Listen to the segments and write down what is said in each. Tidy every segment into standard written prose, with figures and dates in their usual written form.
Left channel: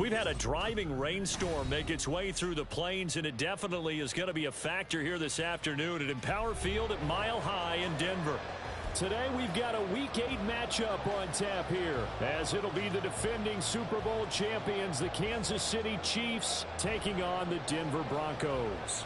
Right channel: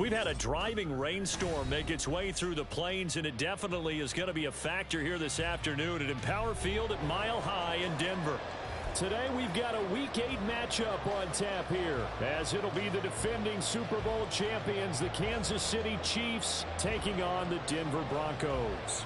We've had a driving rainstorm make its way through the plains, and it definitely is going to be a factor here this afternoon at Empower Field at Mile High in Denver. Today we've got a Week 8 matchup on tap here, as it'll be the defending Super Bowl champions, the Kansas City Chiefs, taking on the Denver Broncos.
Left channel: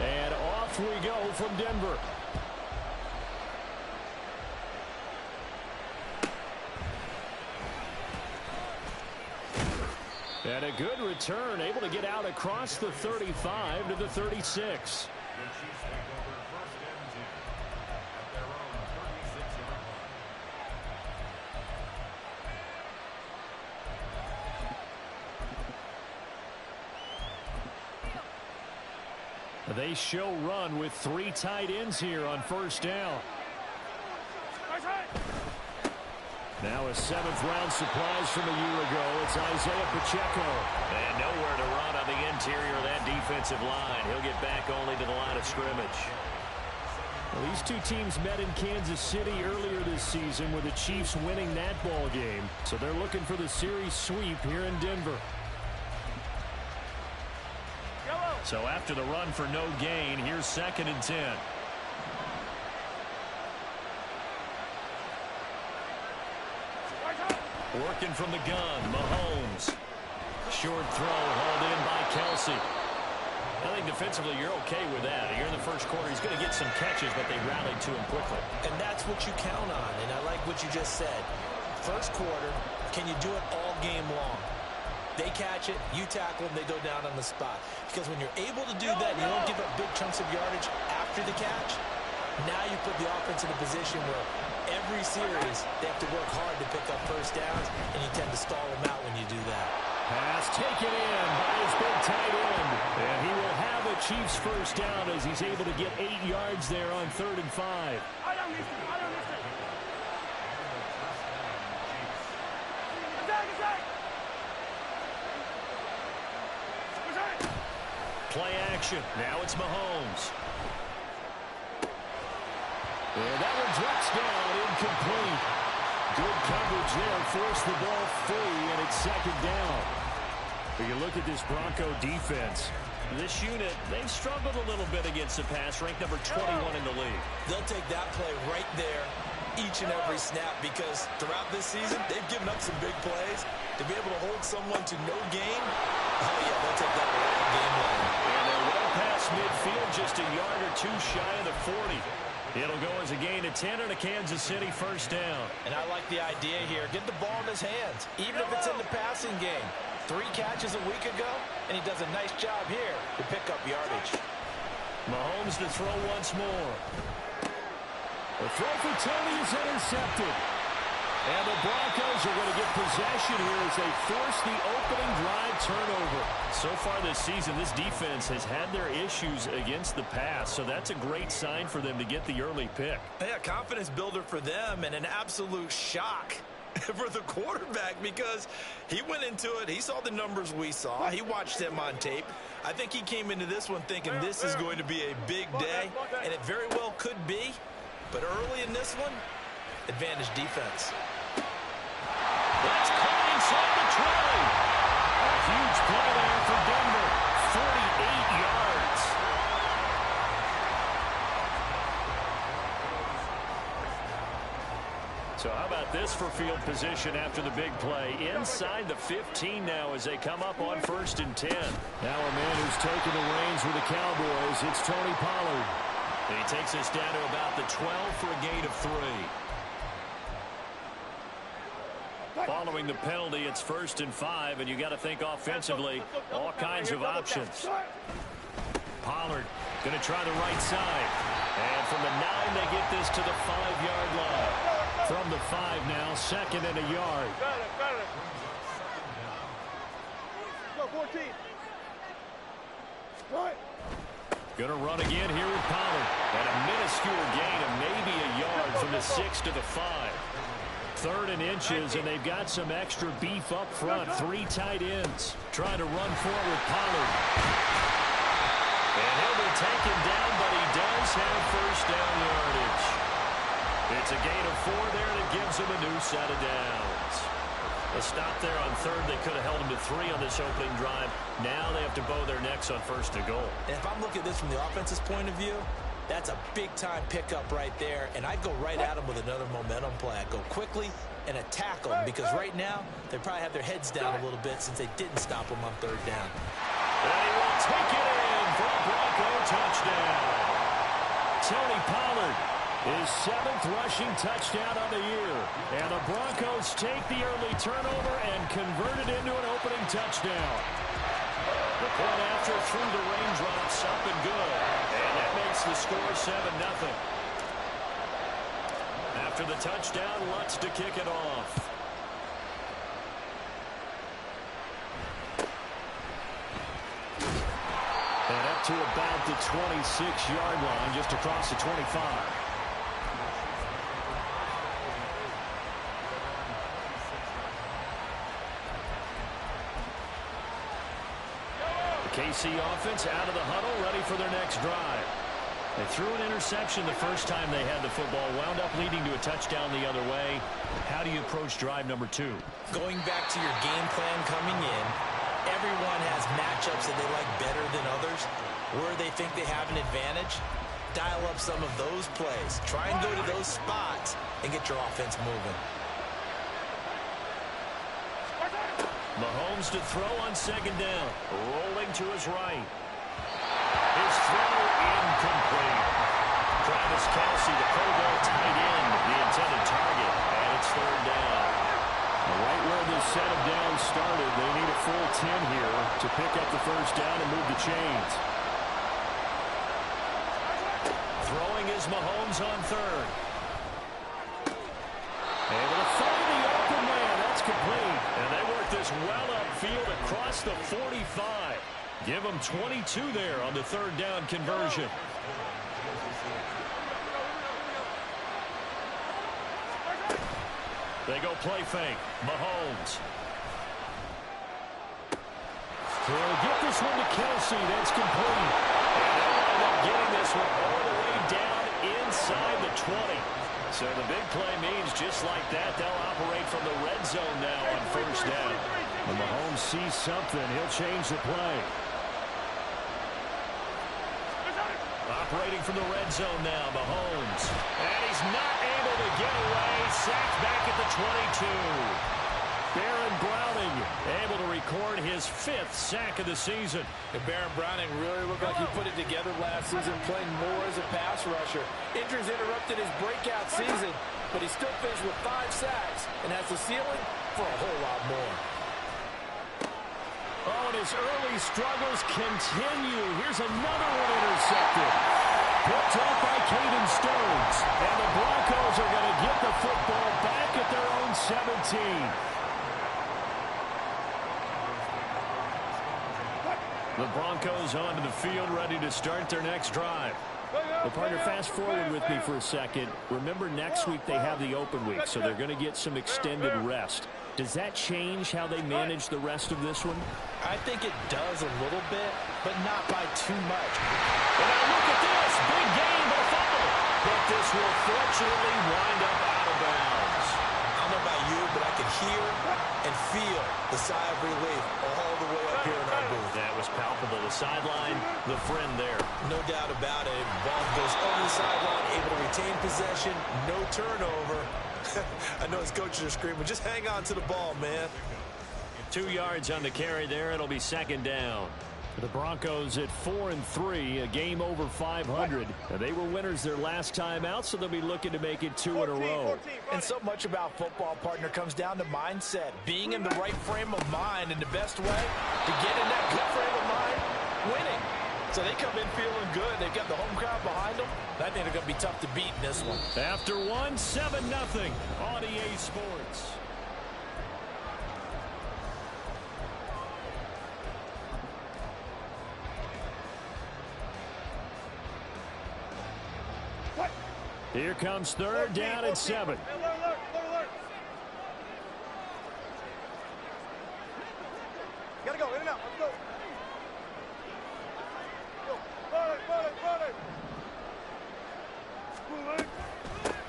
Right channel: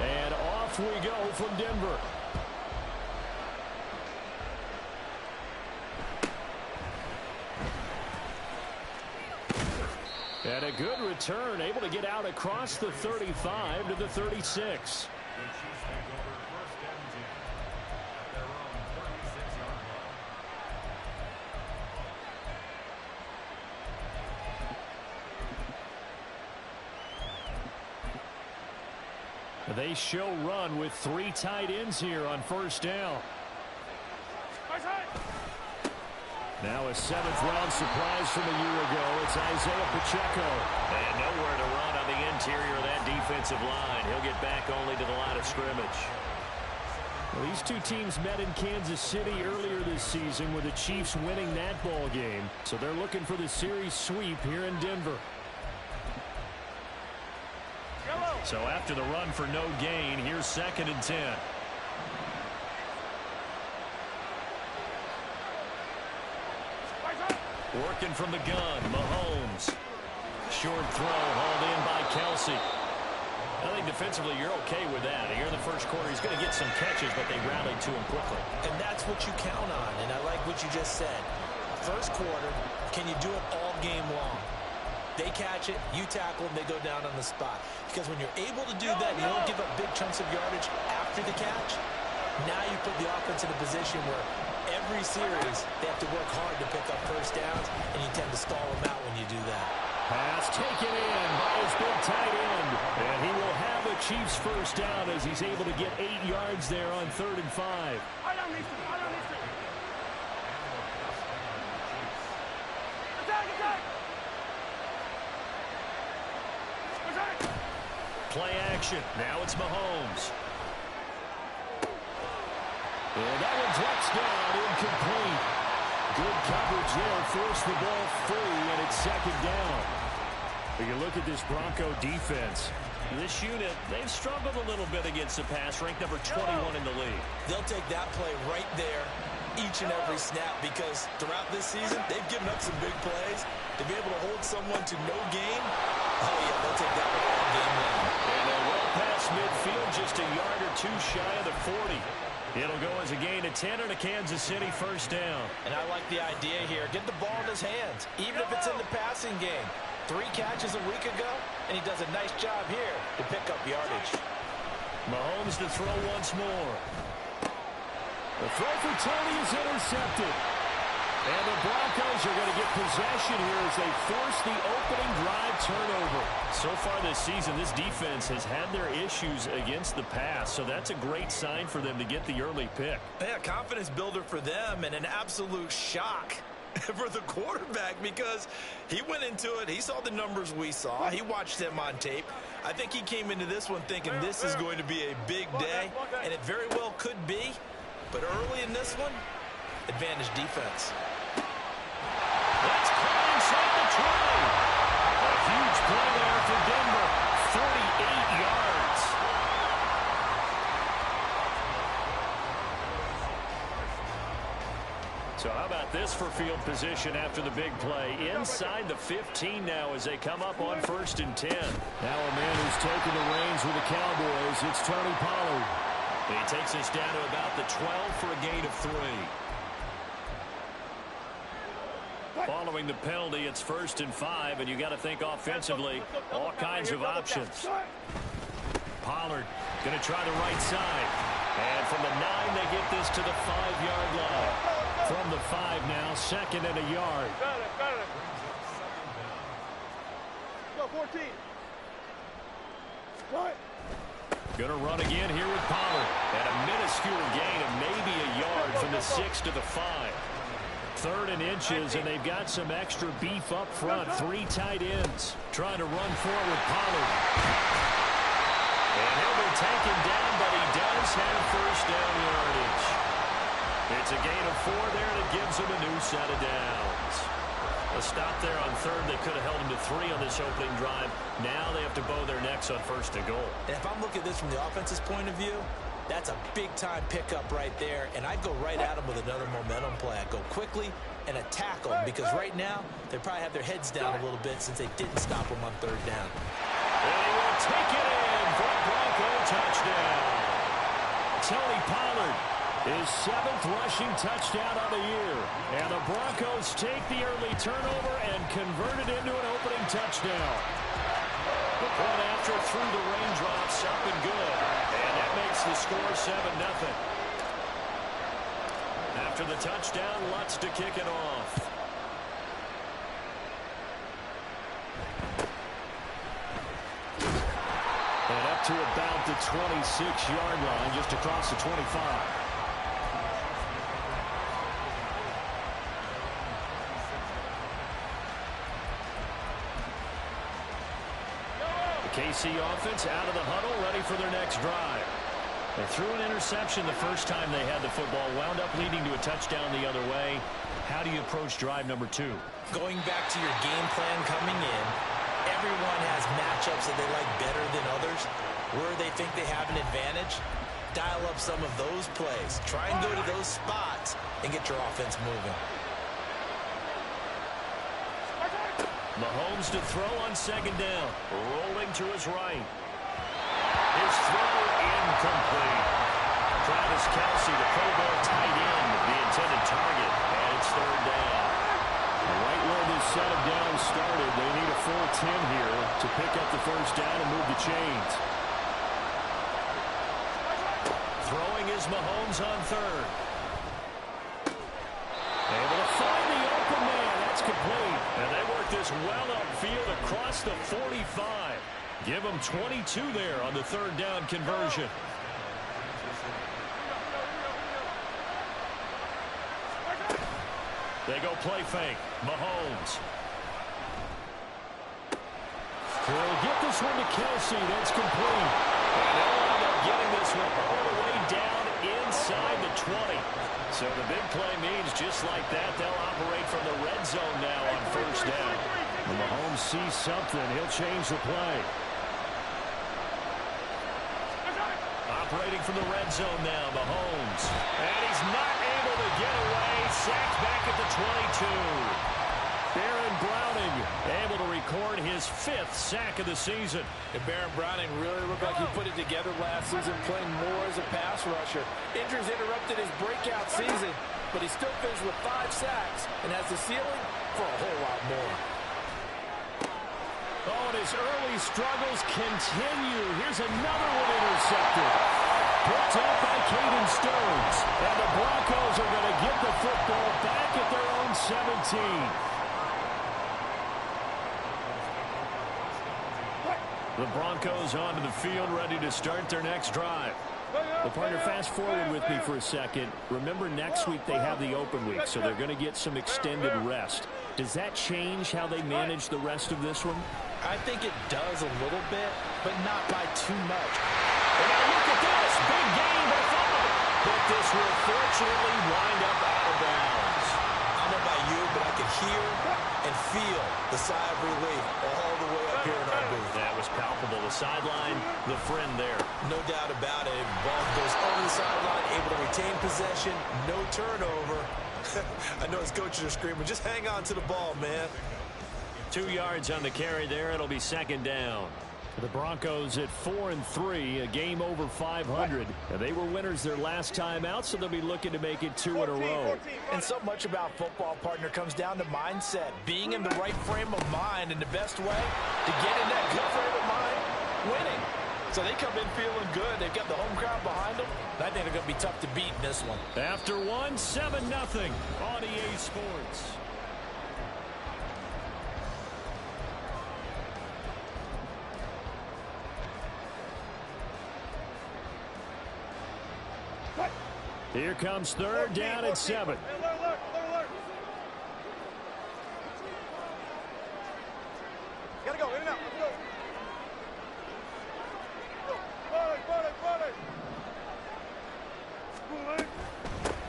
And off we go from Denver. And a good return, able to get out across the 35 to the 36. The Chiefs take over first and 10 at their own 36-yard line. They show run with 3 tight ends here on first down. Now a 7th-round surprise from a year ago. It's Isaiah Pacheco. And nowhere to run on the interior of that defensive line. He'll get back only to the line of scrimmage. Well, these two teams met in Kansas City earlier this season, with the Chiefs winning that ball game. So they're looking for the series sweep here in Denver. So after the run for no gain, here's 2nd and 10. Working from the gun, Mahomes. Short throw hauled in by Kelsey. I think defensively you're okay with that. Here in the first quarter, he's going to get some catches, but they rallied to him quickly. And that's what you count on, and I like what you just said. First quarter, can you do it all game long? They catch it, you tackle them, they go down on the spot. Because when you're able to do that, you don't give up big chunks of yardage after the catch, now you put the offense in a position where every series they have to work hard to pick up first downs, and you tend to stall them out when you do that. Pass taken in by his big tight end. And he will have a Chiefs first down as he's able to get 8 yards there on 3rd and 5. Play action. Now it's Mahomes. And that one drops down, incomplete. Good coverage there, forced the ball free, and it's 2nd down. But you look at this Bronco defense. This unit, they've struggled a little bit against the pass, ranked number 21 in the league. They'll take that play right there each and every snap, because throughout this season, they've given up some big plays. To be able to hold someone to no gain, oh yeah, they'll take that one all game long. And they're well past midfield, just a yard or 2 shy of the 40. It'll go as a gain of 10 and a Kansas City first down. And I like the idea here. Get the ball in his hands, even if it's in the passing game. 3 catches a week ago, and he does a nice job here to pick up yardage. Mahomes to throw once more. The throw for Tony is intercepted. And the Broncos are going to get possession here as they force the opening drive turnover. So far this season, this defense has had their issues against the pass, so that's a great sign for them to get the early pick. Yeah, confidence builder for them, and an absolute shock for the quarterback, because he went into it, he saw the numbers we saw, he watched them on tape. I think he came into this one thinking this is going to be a big day, and it very well could be. But early in this one, advantage defense. That's caught inside the 20. A huge play there for Denver. 48 yards. So how about this for field position after the big play? Inside the 15 now as they come up on 1st and 10. Now a man who's taken the reins with the Cowboys, it's Tony Pollard. He takes us down to about the 12 for a gain of 3. Following the penalty, it's 1st and 5, and you got to think offensively, all kinds of options. Pollard going to try the right side. And from the 9, they get this to the 5-yard line. From the 5 now, 2nd and a yard. Go, 14. Going to run again here with Pollard. And a minuscule gain of maybe a yard from the 6 to the 5. 3rd and inches, and they've got some extra beef up front. 3 tight ends trying to run forward Pollard. And he'll be taken down, but he does have first down yardage. It's a gain of 4 there, and it gives him a new set of downs. A stop there on 3rd. They could have held him to 3 on this opening drive. Now they have to bow their necks on 1st and goal. And if I'm looking at this from the offense's point of view, that's a big-time pickup right there, and I'd go right at him with another momentum play. I'd go quickly and attack them, because right now they probably have their heads down a little bit since they didn't stop him on 3rd down. And he will take it in for a Bronco touchdown. Tony Pollard, his 7th rushing touchdown on the year. And the Broncos take the early turnover and convert it into an opening touchdown. The point after through the raindrops, up and good. And that makes the score 7-0. After the touchdown, Lutz to kick it off. And up to about the 26-yard line, just across the 25. The KC offense out of the huddle, ready for their next drive. They threw an interception the first time they had the football, wound up leading to a touchdown the other way. How do you approach drive number 2? Going back to your game plan coming in, everyone has matchups that they like better than others. Where they think they have an advantage, dial up some of those plays. Try and go to those spots and get your offense moving. Mahomes to throw on 2nd down. Rolling to his right. His throw incomplete. Travis Kelce, the Pro Bowl tight end, the intended target, and it's 3rd down. Right where this set of downs started, they need a full 10 here to pick up the 1st down and move the chains. Throwing is Mahomes on 3rd. Able to find the open man. That's complete. And they work this well upfield across the 45. Give them 22 there on the 3rd down conversion. They go play fake. Mahomes. He'll get this one to Kelce. That's complete. And they'll wind up getting this one all the way down inside the 20. So the big play means just like that, they'll operate from the red zone now on 1st down. When Mahomes sees something, he'll change the play. Operating from the red zone now, Mahomes. And he's not able to get away. Sacked back at the 22. Baron Browning able to record his 5th sack of the season. And Baron Browning really looked like he put it together last season, playing more as a pass rusher. Injuries interrupted his breakout season, but he still finished with 5 sacks and has the ceiling for a whole lot more. Oh, and his early struggles continue. Here's another one intercepted. Picked up by Caden Stearns. And the Broncos are going to get the football back at their own 17. The Broncos onto the field, ready to start their next drive. Well, partner, fast forward with me for a second. Remember, next week they have the open week, so they're going to get some extended rest. Does that change how they manage the rest of this one? I think it does a little bit, but not by too much. And now look at this. Big game, but a fumble. But this will fortunately wind up out of bounds. I don't know about you, but I could hear and feel the sigh of relief all the way up here in our booth. That was palpable. The sideline, the friend there. No doubt about it. Ball goes over the sideline, able to retain possession, no turnover. I know his coaches are screaming, just hang on to the ball, man. 2 yards on the carry there. It'll be 2nd down. The Broncos at 4-3, a game over 500. Now, they were winners their last time out, so they'll be looking to make it 2 in a row. And so much about football, partner, comes down to mindset. Being in the right frame of mind, and the best way to get in that good frame of mind, winning. So they come in feeling good. They've got the home crowd behind them. I think they're going to be tough to beat in this one. After one, 7-0 on EA Sports. Here comes 3rd down at 7.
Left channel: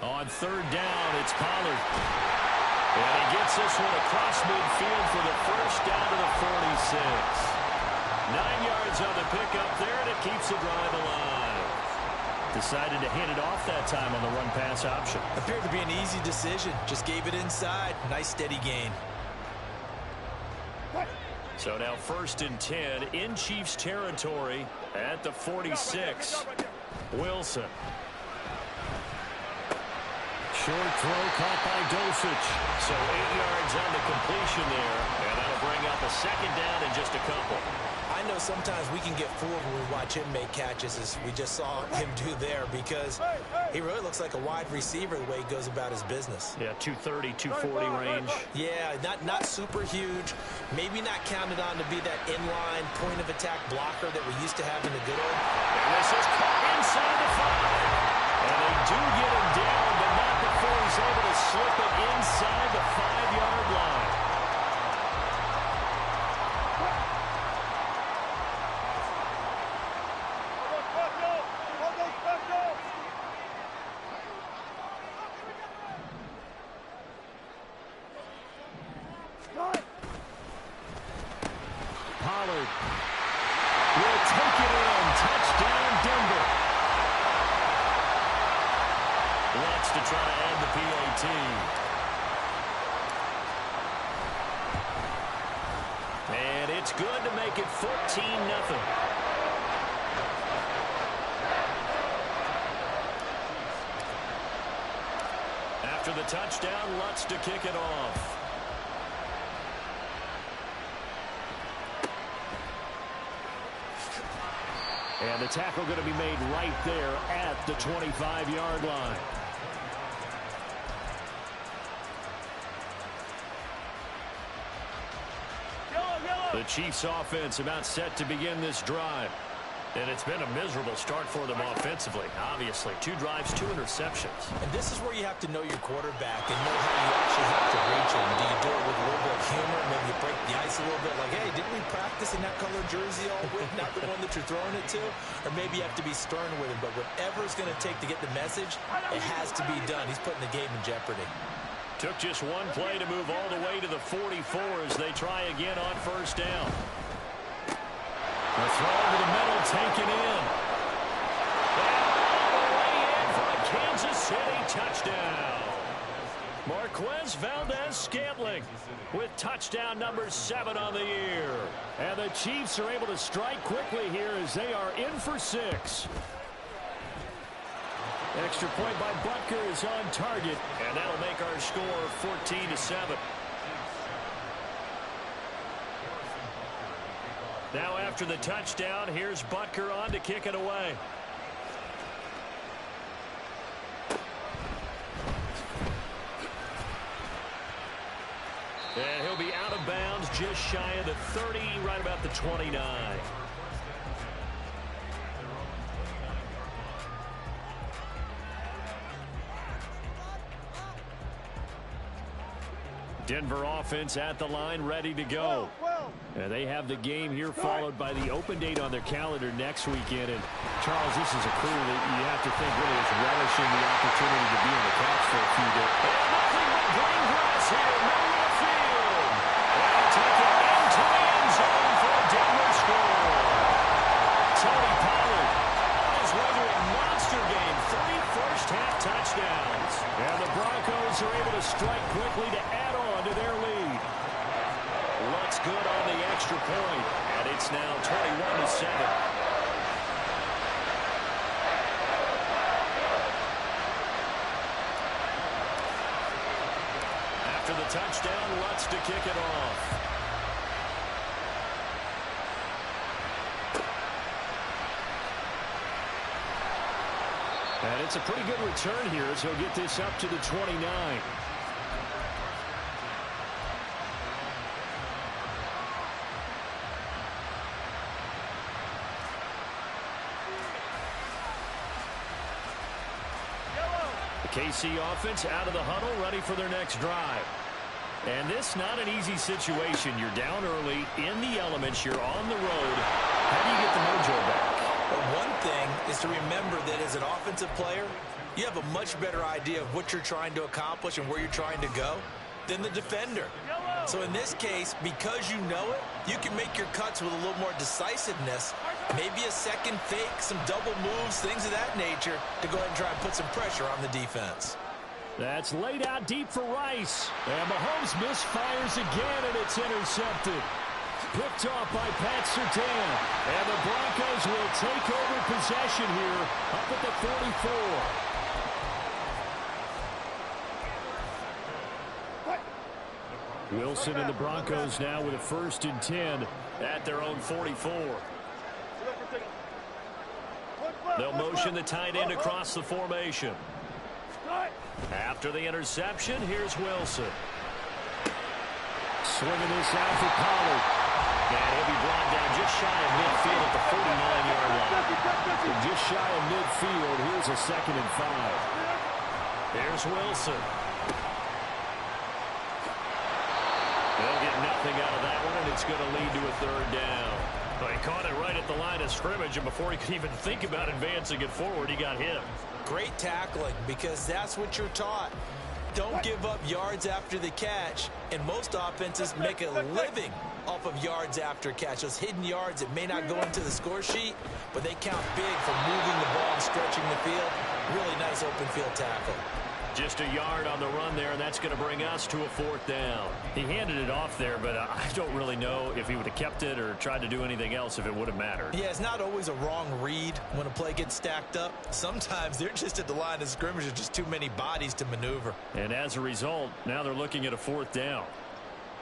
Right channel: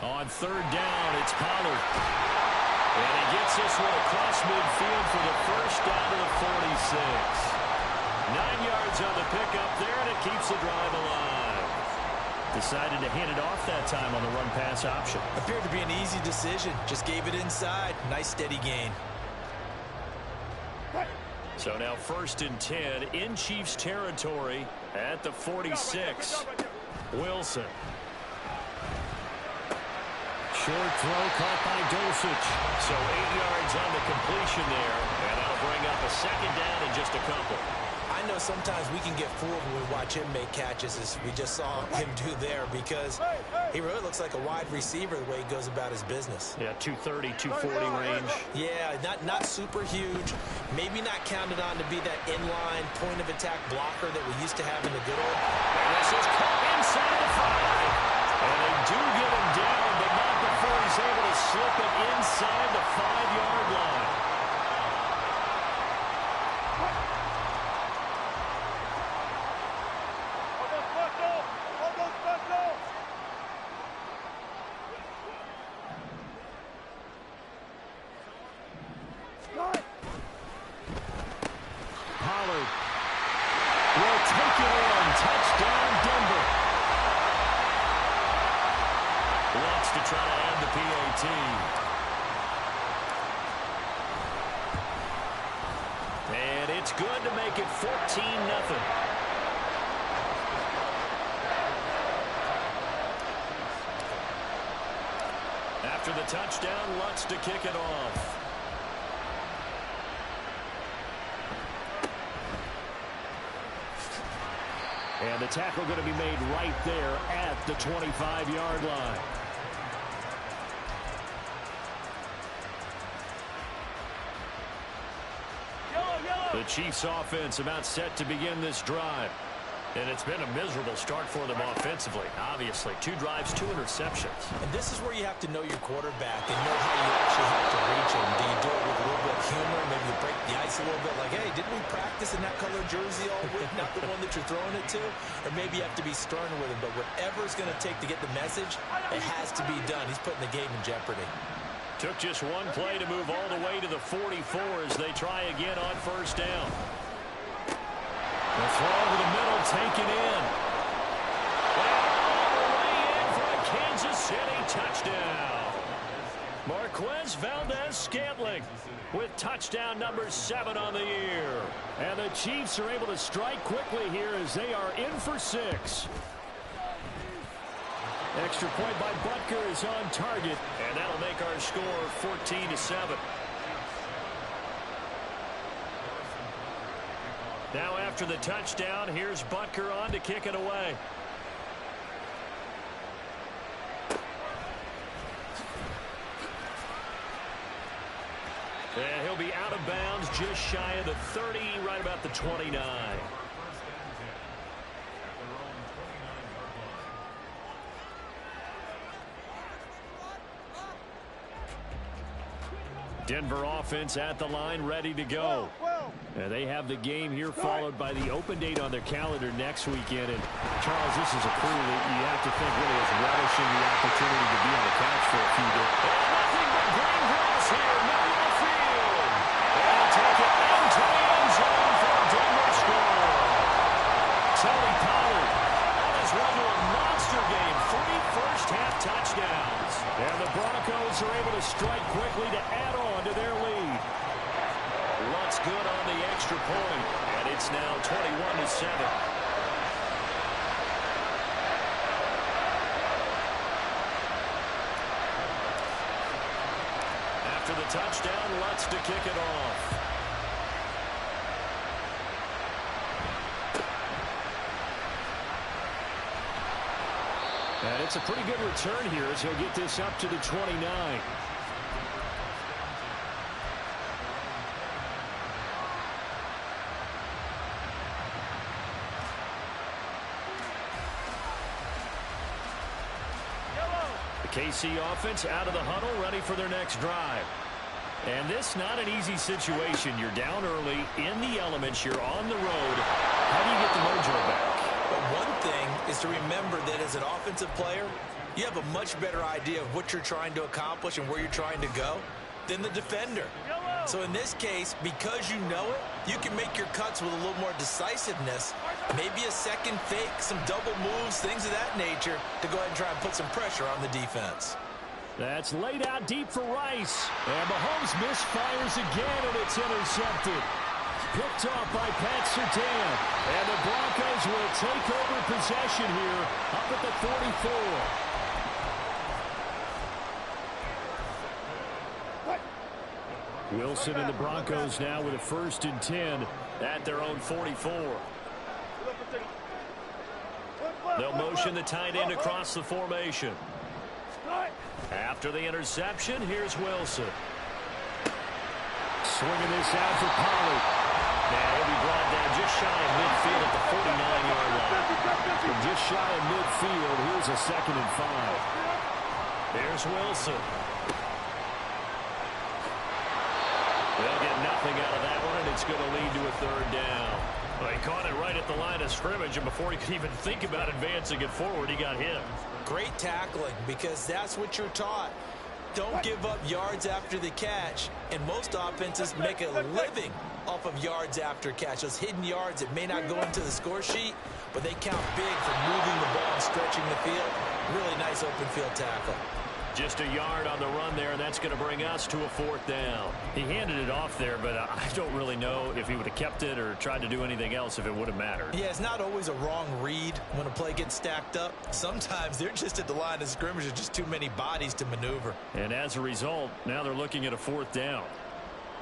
On third down, it's Pollard. And he gets this one across midfield for the first down to the 46. 9 yards on the pickup there, and it keeps the drive alive. Decided to hand it off that time on the run-pass option. Appeared to be an easy decision. Just gave it inside. Nice steady gain. So now 1st and 10 in Chiefs territory at the 46. Wilson. Short throw caught by Dulcich. So 8 yards on the completion there, and that'll bring up a 2nd down in just a couple. I know sometimes we can get fooled when we watch him make catches, as we just saw him do there, because he really looks like a wide receiver the way he goes about his business. Yeah, 230, 240 range. Yeah, not super huge. Maybe not counted on to be that inline point-of-attack blocker that we used to have in the good old. And this is caught inside the 5. And they do get him down, but not before he's able to slip it inside the 5-yard line. Pollard will take it in. Touchdown, Denver. Lutz to try to add the PAT. And it's good to make it 14-0. After the touchdown, Lutz to kick it off. And the tackle going to be made right there at the 25-yard line. The Chiefs offense about set to begin this drive. And it's been a miserable start for them offensively. Obviously, 2 drives, 2 interceptions. And this is where you have to know your quarterback and know how you actually have to reach him. Do you do it with a little bit of humor? Maybe you break the ice a little bit like, hey, didn't we practice in that color jersey all week? Not the one that you're throwing it to? Or maybe you have to be stern with him. But whatever it's going to take to get the message, it has to be done. He's putting the game in jeopardy. Took just one play to move all the way to the 44 as they try again on 1st down. The throw over the middle taken in. And all the way in for a Kansas City touchdown. Marquez Valdez-Scantling with touchdown number 7 on the year. And the Chiefs are able to strike quickly here as they are in for 6. Extra point by Butker is on target, and that'll make our score 14-7. Now after the touchdown, here's Butker on to kick it away. And he'll be out of bounds just shy of the 30, right about the 29. Denver offense at the line, ready to go. And they have the game here followed by the open date on their calendar next weekend. And Charles, this is a crew that you have to think really is relishing the opportunity to be on the couch for a few days. And nothing but green grass here, middle of the field. And he'll take it into the end zone for a Denver score. Tony Pollard on his way to a monster game. 3 first-half touchdowns. And the Broncos are able to strike quickly to add on to their lead. Lutz good on the extra point, and it's now 21-7. After the touchdown, Lutz to kick it off. And it's a pretty good return here as he'll get this up to the 29. The KC offense out of the huddle, ready for their next drive. And this not an easy situation. You're down early, in the elements, you're on the road. How do you get the mojo back? Well, one thing is to remember that as an offensive player, you have a much better idea of what you're trying to accomplish and where you're trying to go than the defender. So in this case, because you know it, you can make your cuts with a little more decisiveness, maybe a second fake, some double moves, things of that nature, to go ahead and try and put some pressure on the defense. That's laid out deep for Rice. And Mahomes misfires again, and it's intercepted. Picked off by Pat Surtain. And the Broncos will take over possession here up at the 44. Wilson and the Broncos now with a 1st and 10 at their own 44. They'll motion the tight end across the formation. After the interception, here's Wilson. Swinging this out for Pollard. And he'll be brought down just shy of midfield at the 49-yard line. And just shy of midfield, here's a 2nd and 5. There's Wilson. They'll get nothing out of that one, and it's going to lead to a 3rd down. Well, he caught it right at the line of scrimmage, and before he could even think about advancing it forward, he got hit. Great tackling, because that's what you're taught. Don't give up yards after the catch, and most offenses make a living off of yards after catch. Those hidden yards that may not go into the score sheet, but they count big for moving the ball and stretching the field. Really nice open field tackle. Just a yard on the run there, and that's going to bring us to a 4th down. He handed it off there, but I don't really know if he would have kept it or tried to do anything else if it would have mattered. Yeah, it's not always a wrong read when a play gets stacked up. Sometimes they're just at the line of scrimmage. There's just too many bodies to maneuver. And as a result, now they're looking at a 4th down.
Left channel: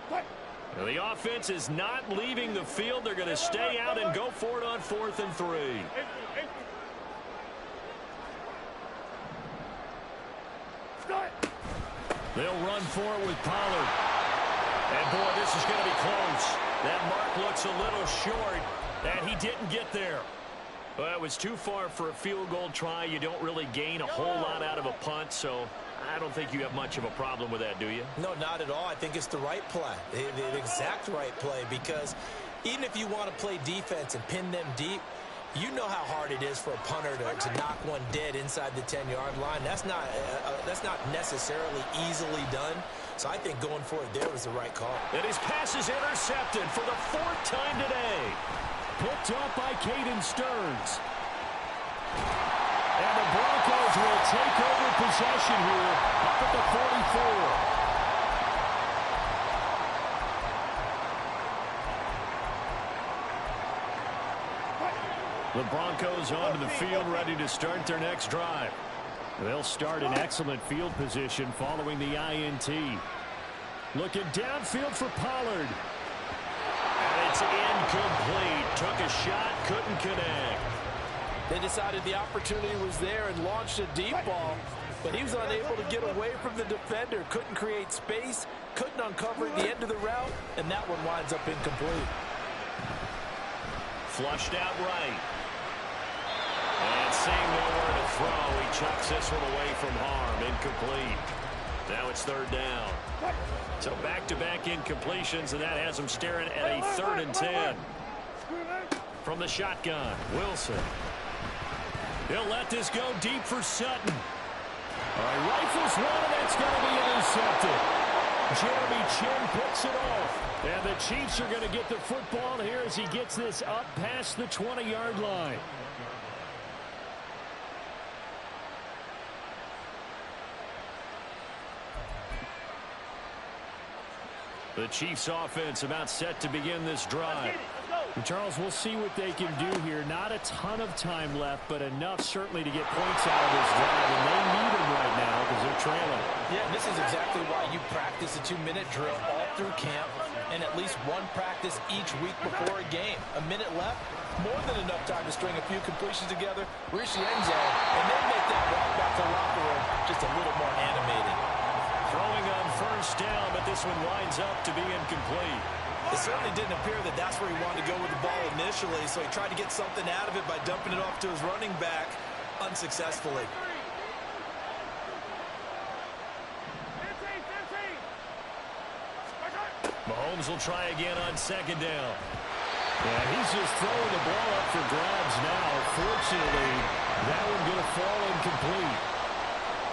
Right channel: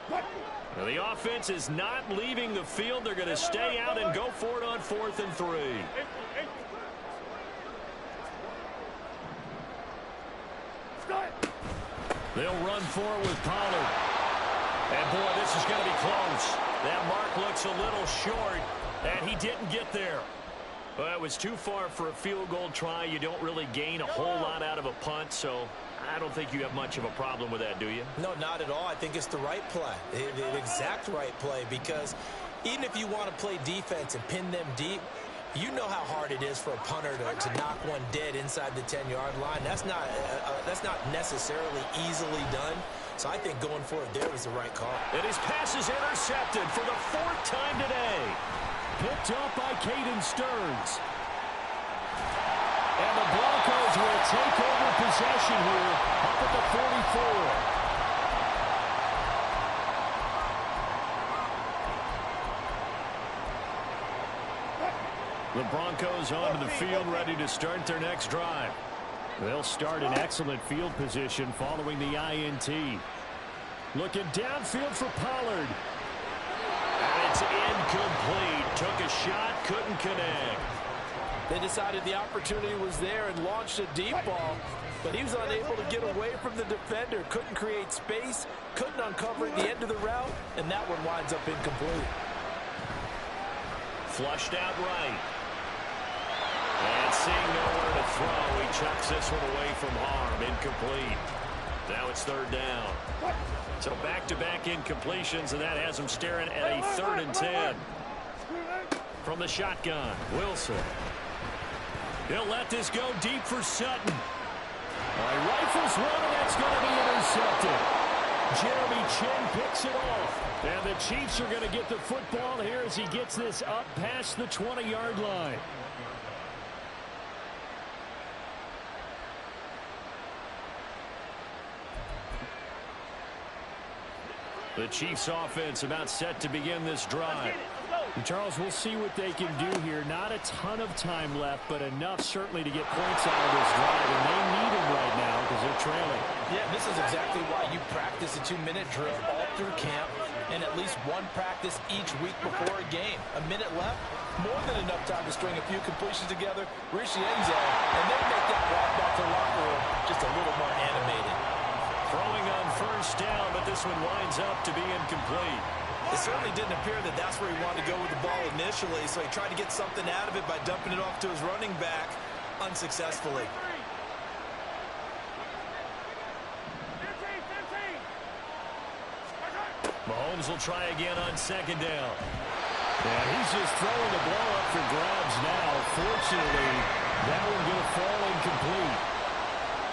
Well, the offense is not leaving the field. They're going to stay out and go for it on 4th and 3. They'll run for it with Pollard. And, boy, this is going to be close. That mark looks a little short, and he didn't get there. Well, it was too far for a field goal try. You don't really gain a whole lot out of a punt, so I don't think you have much of a problem with that, do you? No, not at all. I think it's the right play, the exact right play, because even if you want to play defense and pin them deep, you know how hard it is for a punter to knock one dead inside the 10-yard line. That's not necessarily easily done. So I think going for it there was the right call. And his pass is intercepted for the 4th time today. Picked up by Caden Stearns. And the Broncos will take over possession here up at the 44. The Broncos onto the field, ready to start their next drive. They'll start in excellent field position following the INT. Looking downfield for Pollard. And it's incomplete. Took a shot, couldn't connect. They decided the opportunity was there and launched a deep ball, but he was unable to get away from the defender. Couldn't create space, couldn't uncover at the end of the route, and that one winds up incomplete. Flushed out right. And seeing nowhere to throw, he chucks this one away from harm. Incomplete. Now it's 3rd down. So back-to-back incompletions, and that has him staring at a 3rd and 10. From the shotgun, Wilson. He'll let this go deep for Sutton. All right, rifles one, and that's going to be intercepted. Jeremy Chin picks it off. And the Chiefs are going to get the football here as he gets this up past the 20-yard line. The Chiefs offense about set to begin this drive. And Charles, we'll see what they can do here. Not a ton of time left, but enough certainly to get points out of this drive. And they need them right now because they're trailing. Yeah, this is exactly why you practice a 2-minute drill all through camp and at least one practice each week before a game. A minute left, more than enough time to string a few completions together, reach the end zone, and then make that walk back to the locker room just a little more animated. Throwing on 1st down, but this one winds up to be incomplete. It certainly didn't appear that that's where he wanted to go with the ball initially, so he tried to get something out of it by dumping it off to his running back unsuccessfully. Mahomes will try again on second down. Yeah, he's just throwing the ball up for grabs now. Fortunately, that one going to fall incomplete.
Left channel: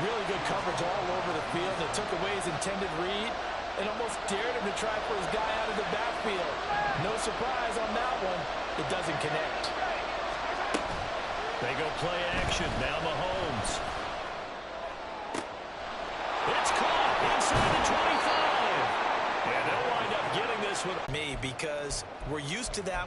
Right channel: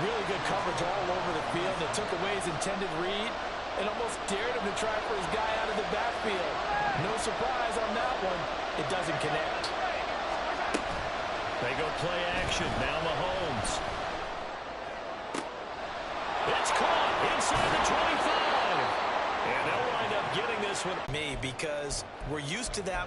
Really good coverage all over the field. It took away his intended read and almost dared him to try for his guy out of the backfield. No surprise on that one. It doesn't connect. They go play action. Now Mahomes. It's caught inside the 25. And they'll wind up getting this one. Me, because we're used to that